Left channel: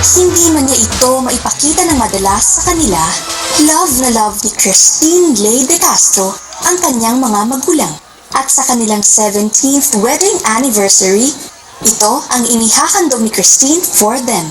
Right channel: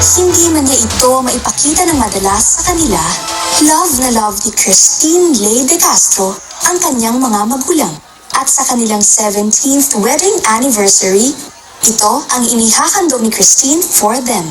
Hindi man niya ito maipakita ng madalas sa kanila, love na love ni Christine Lay De Castro ang kanyang mga magulang. At sa kanilang 17th wedding anniversary, ito ang inihahandog ni Christine for them.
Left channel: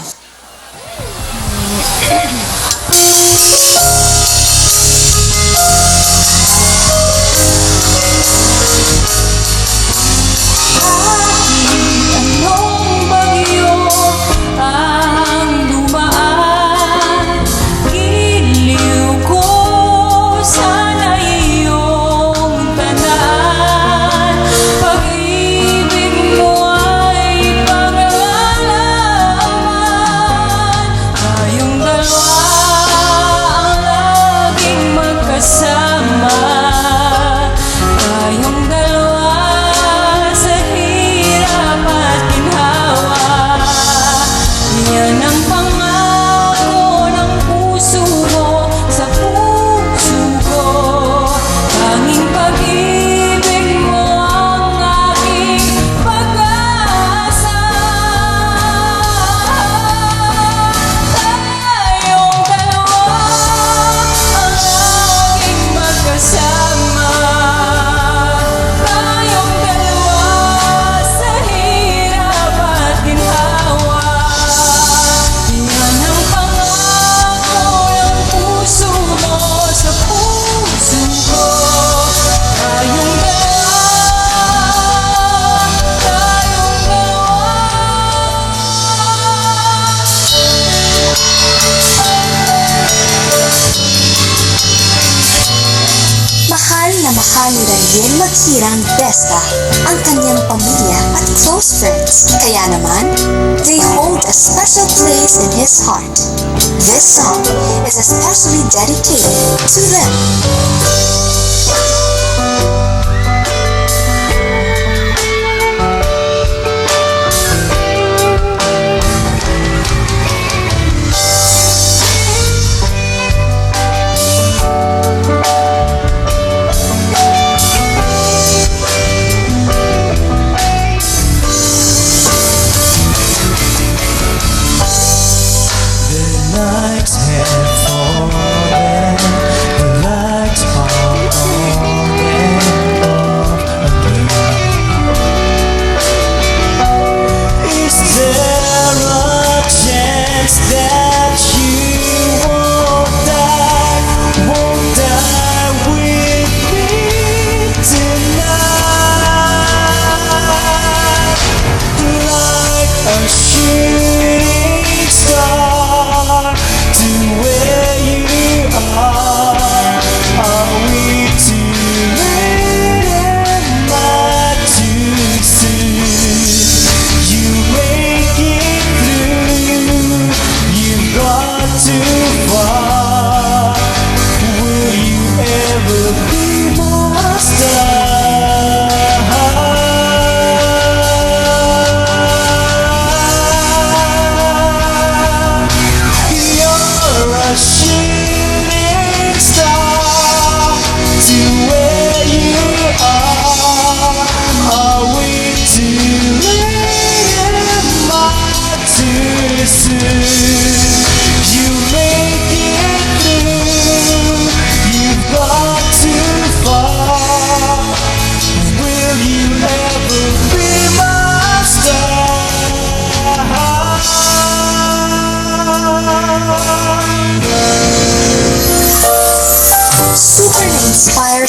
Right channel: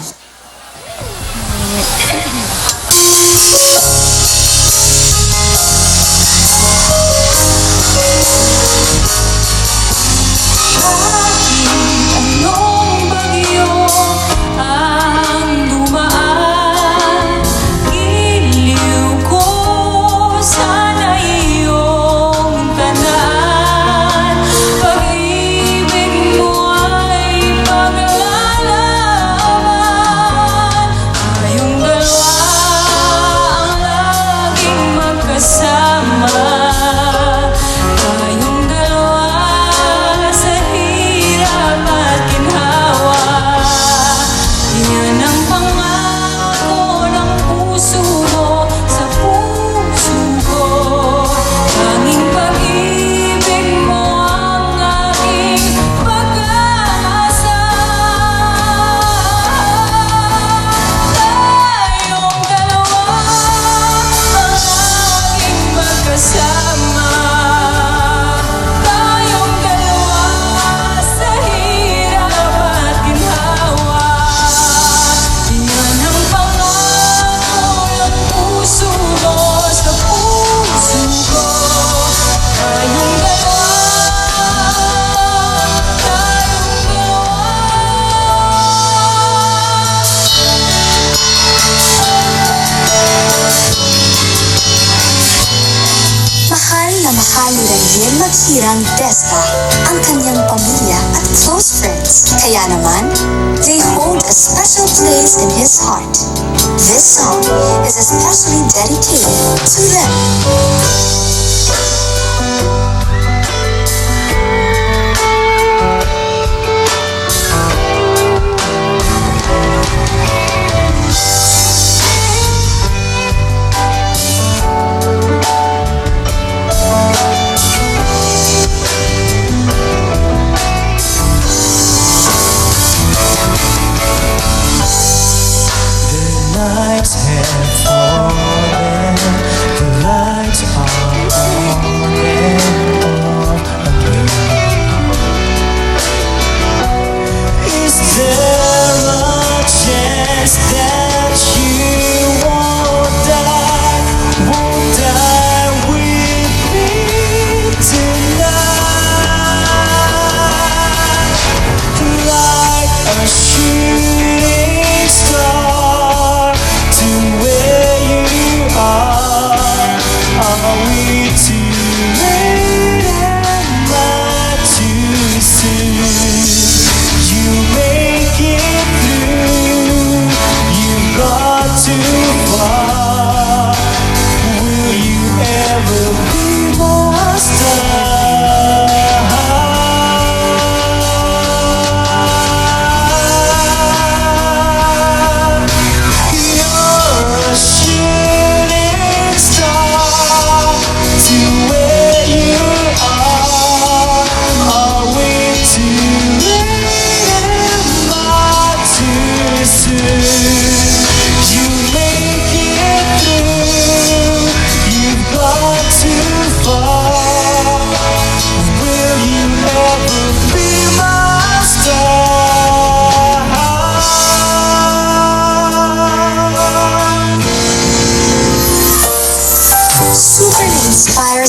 Mahal na rin maghirang Desta ang kanyang pamilya at close friends. Kaya naman, they hold a special place in his heart. This song is especially dedicated to them.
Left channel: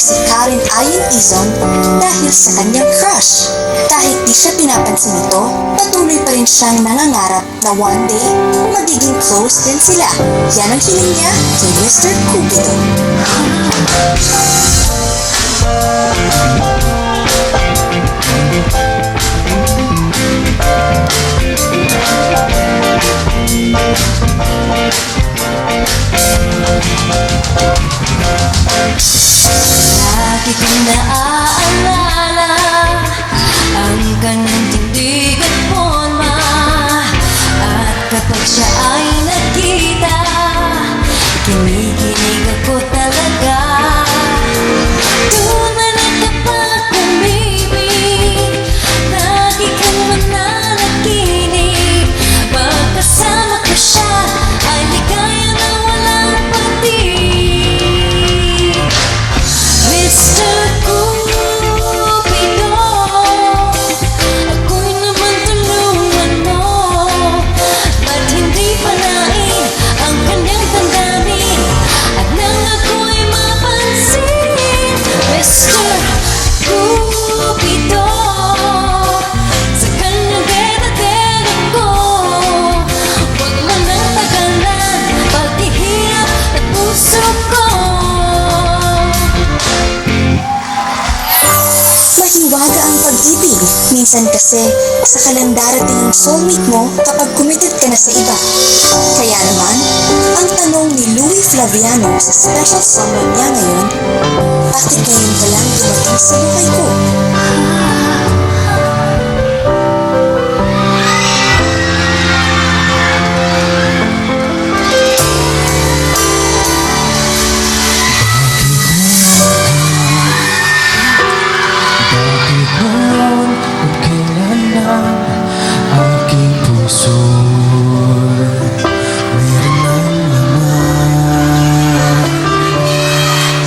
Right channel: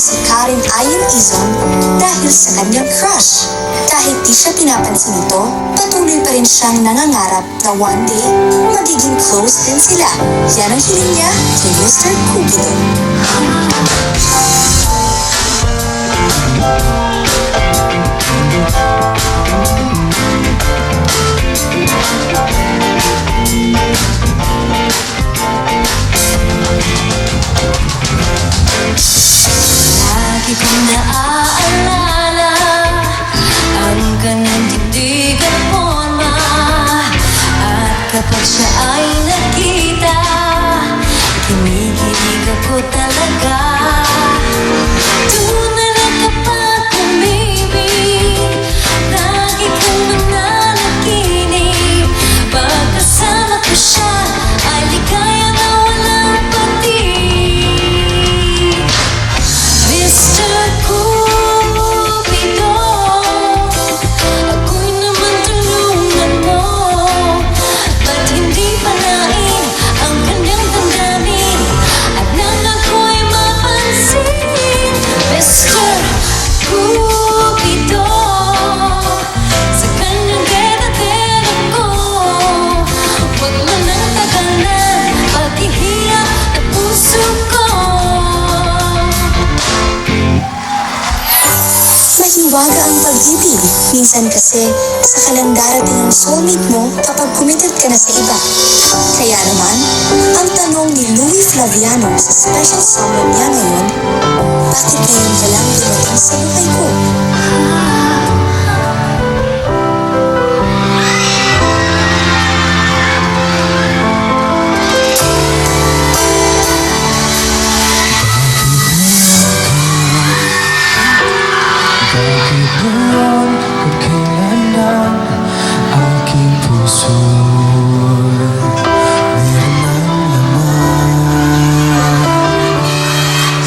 Si Karen Ayon Izon dahil sa kanyang crush. Kahit di siya pinapansin nito, patuloy pa rin siyang nangangarap na one day, magiging close din sila. Yan ang hiling niya kay Mr. Cupido. Lagi kong naaalala ang kanyang tindigan forma, at kapag siya ay nakita, kinikilig ako talaga. be. Minsan kasi, saka lang darating ang soulmate mo kapag committed ka na sa iba. Kaya naman, ang tanong ni Louie Flaviano sa special someone niya ngayon, bakit ngayon ka lang dumating sa buhay ko?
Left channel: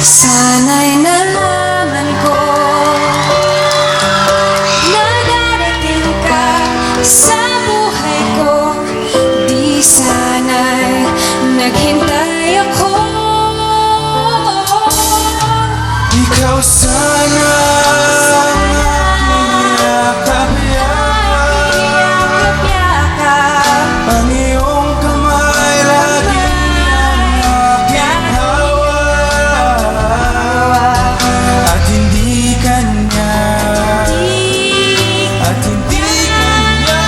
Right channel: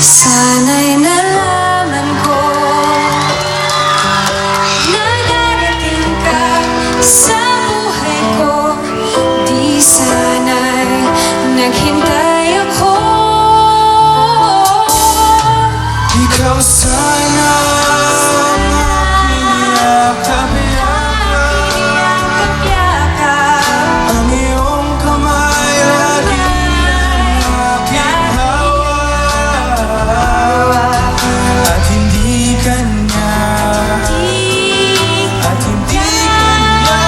Sana'y nalaman ko na darating ka sa buhay ko. Di sana'y naghintay ako. Ikaw sana ang aking yakap-yakap. Ang iyong kamay lagi ang aking hawak. At hindi kanya, at hindi kanya.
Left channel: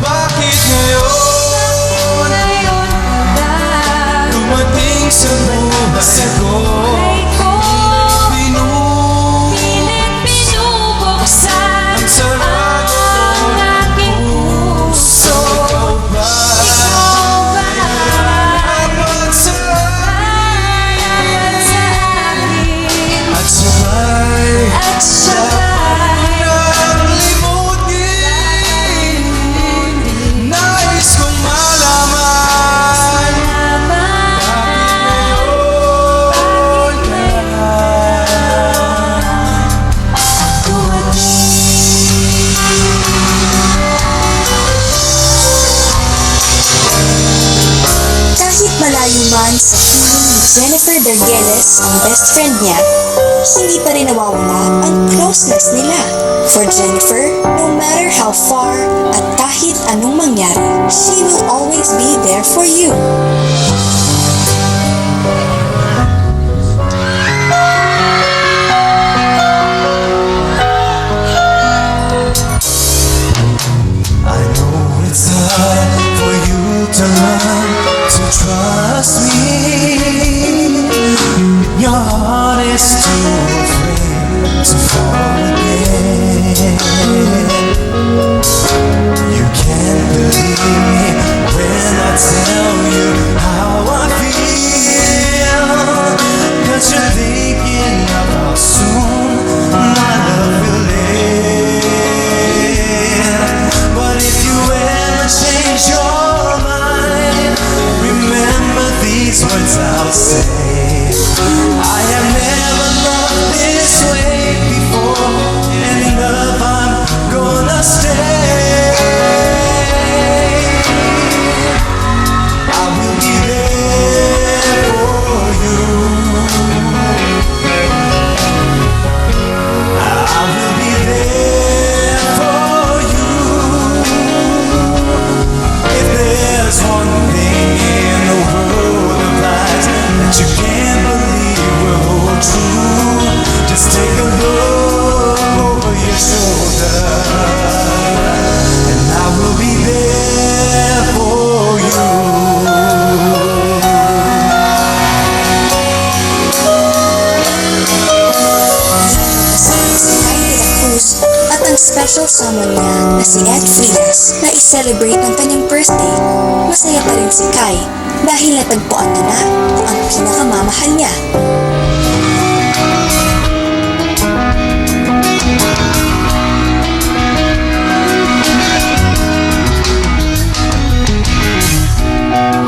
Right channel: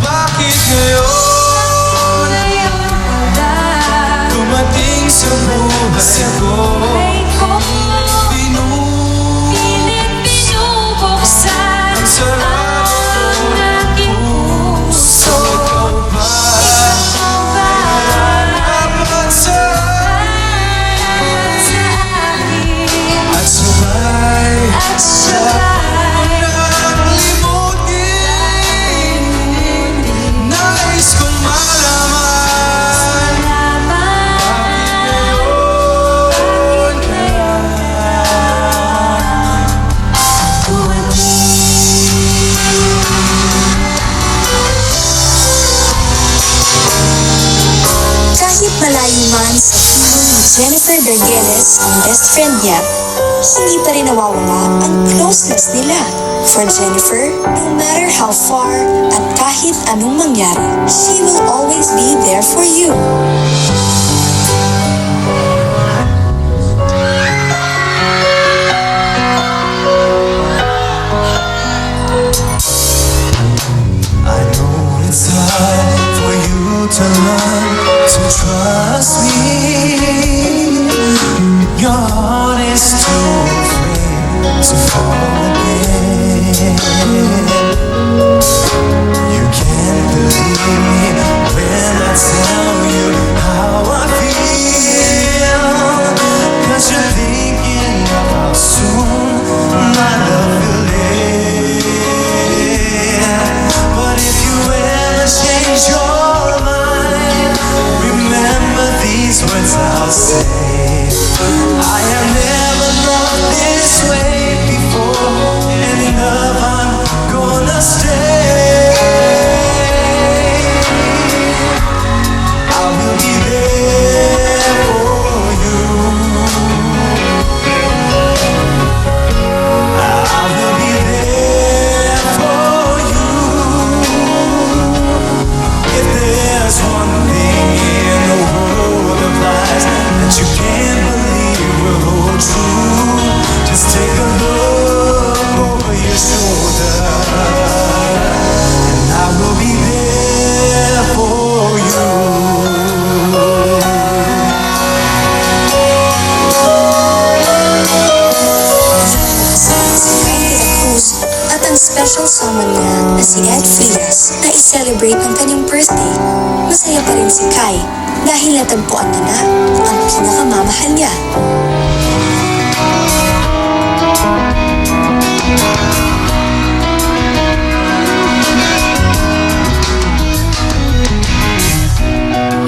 Bakit ngayon dumating sa buhay ko? Pinubuksan ang aking puso. Ikaw ba Dapat sa akin at sabay at sabay ang limutin. Nais kong malaman Kahit malayo man sa piling ni Jennifer Dargeles ang best friend niya, hindi pa rin nawawala ang closeness nila. For Jennifer, no matter how far at kahit anong mangyari, she will always be there for you. I know it's hard for you to learn to trust me. Your heart is too afraid to forget. You can't believe me when I tell you how I feel. 'Cause you're thinking of how soon my love will end. But if you ever change your mind, remember these words I'll say. I have never known this way before, and in love I'm gonna stay. I will be there for you. I will be there for you. If there's one thing in the world of lies that you can't believe will hold true, just take a look over your shoulder, and I will be there for you. Kasama si Kai de la Cruz at ang special someone niya na si Ed Frias na i-celebrate ang kanyang birthday. Masaya pa rin si Kai dahil natagpuan niya na ang pinakamamahal niya.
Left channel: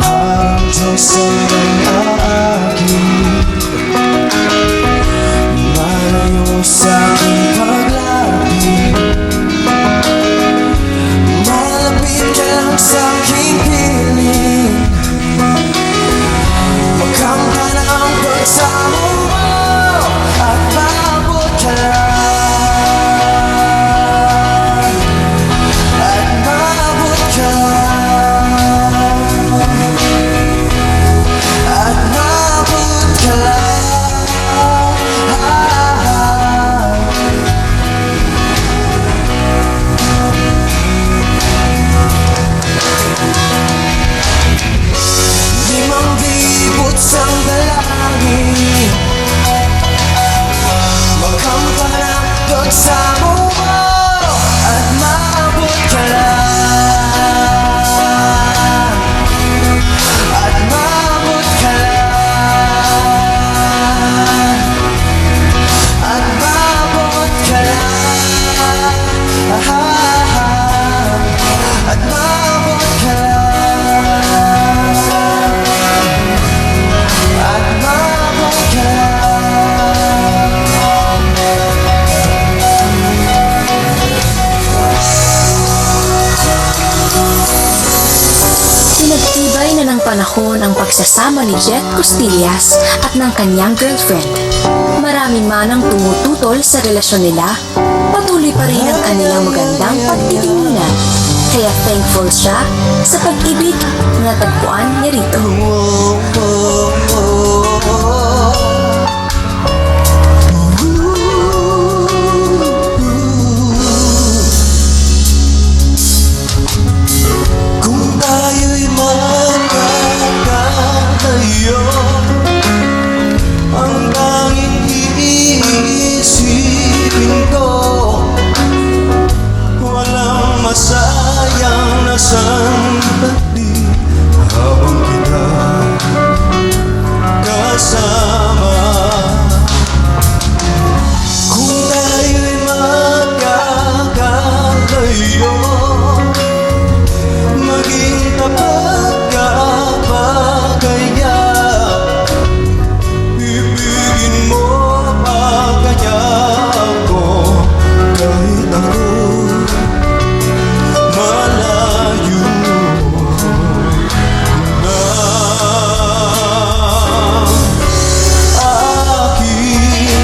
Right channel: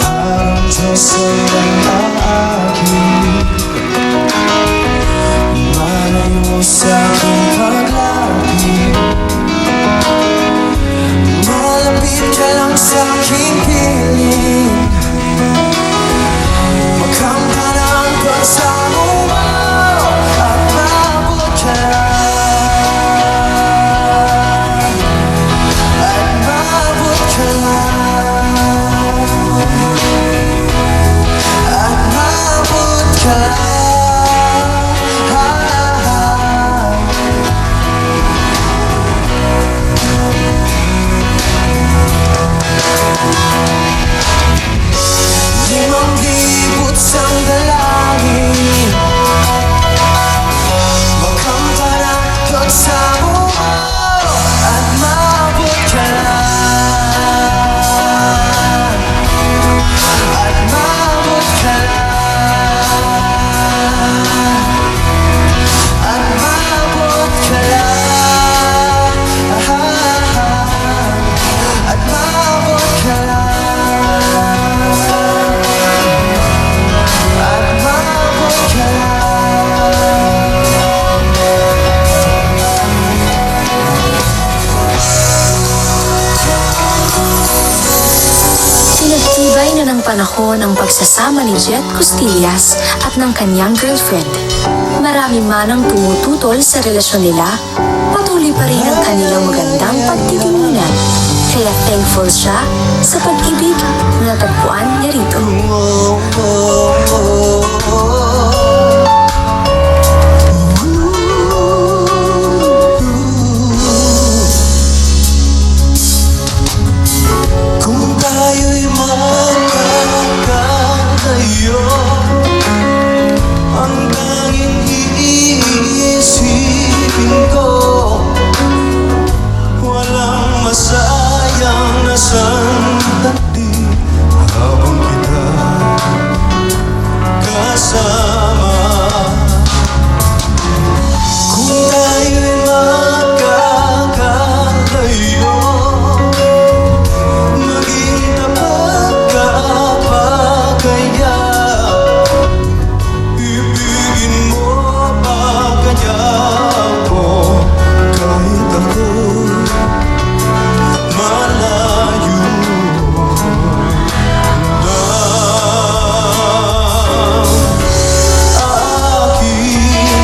Ang Diyos ay akin, malayo sa aking paglagi. Malapit ka lang sa aking piling, magkamtan ang pagsamo panahon ang pagsasama ni Jet Costillas at ng kanyang girlfriend. Marami man ang tumututol sa relasyon nila, patuloy pa rin ang kanilang magandang pagtitipunan. Kaya thankful siya sa pag-ibig na natagpuan niya rito. Kung tayo'y magkakatayo, ang tanging iisipin ko, walang masayang na sandali habang kita kasama. Kung tayo'y magkakatayo, maging tapat ka ba kaya? Ibigin mo pa kaya ako kahit ako'y malayo na? Aking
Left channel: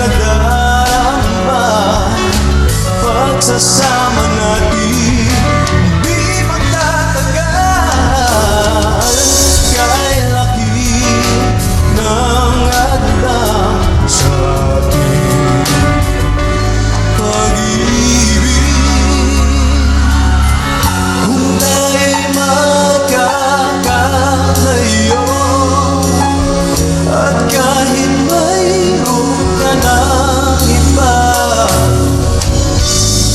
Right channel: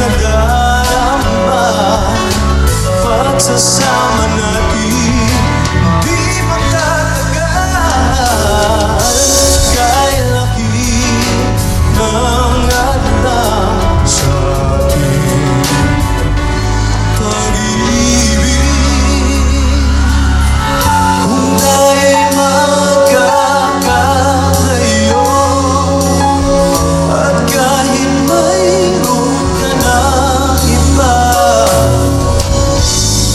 nadarama, pagsasama natin di magtatagal. Kay laki ng hadlang sa ating pag-ibig. Kung tayo'y magkakatayo, at kahit mayroon ka ng iba,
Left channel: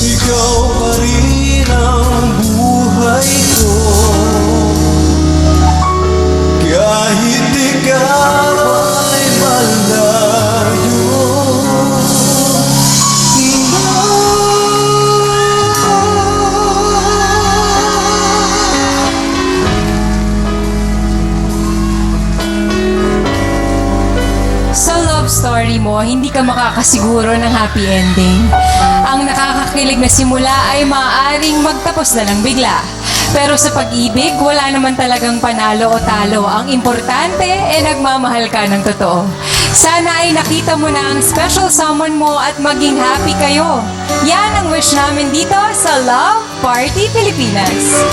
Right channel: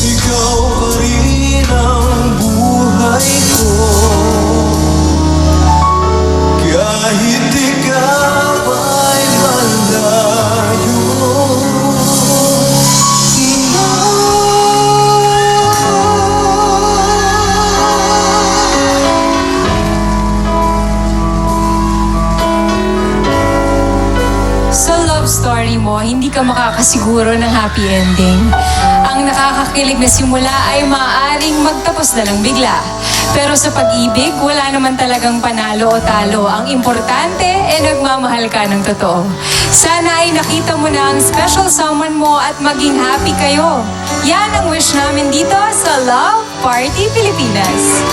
ikaw pa rin ang buhay ko. Kahit ikaw ay malayo Sa love story mo, hindi ka makakasiguro ng happy ending. Ang nakakakilig na simula ay maaaring magtapos na lang bigla. Pero sa pag-ibig, wala naman talagang panalo o talo. Ang importante ay nagmamahal ka ng totoo. Sana ay nakita mo na ang special someone mo at maging happy kayo. Yan ang wish namin dito sa Love Party Pilipinas.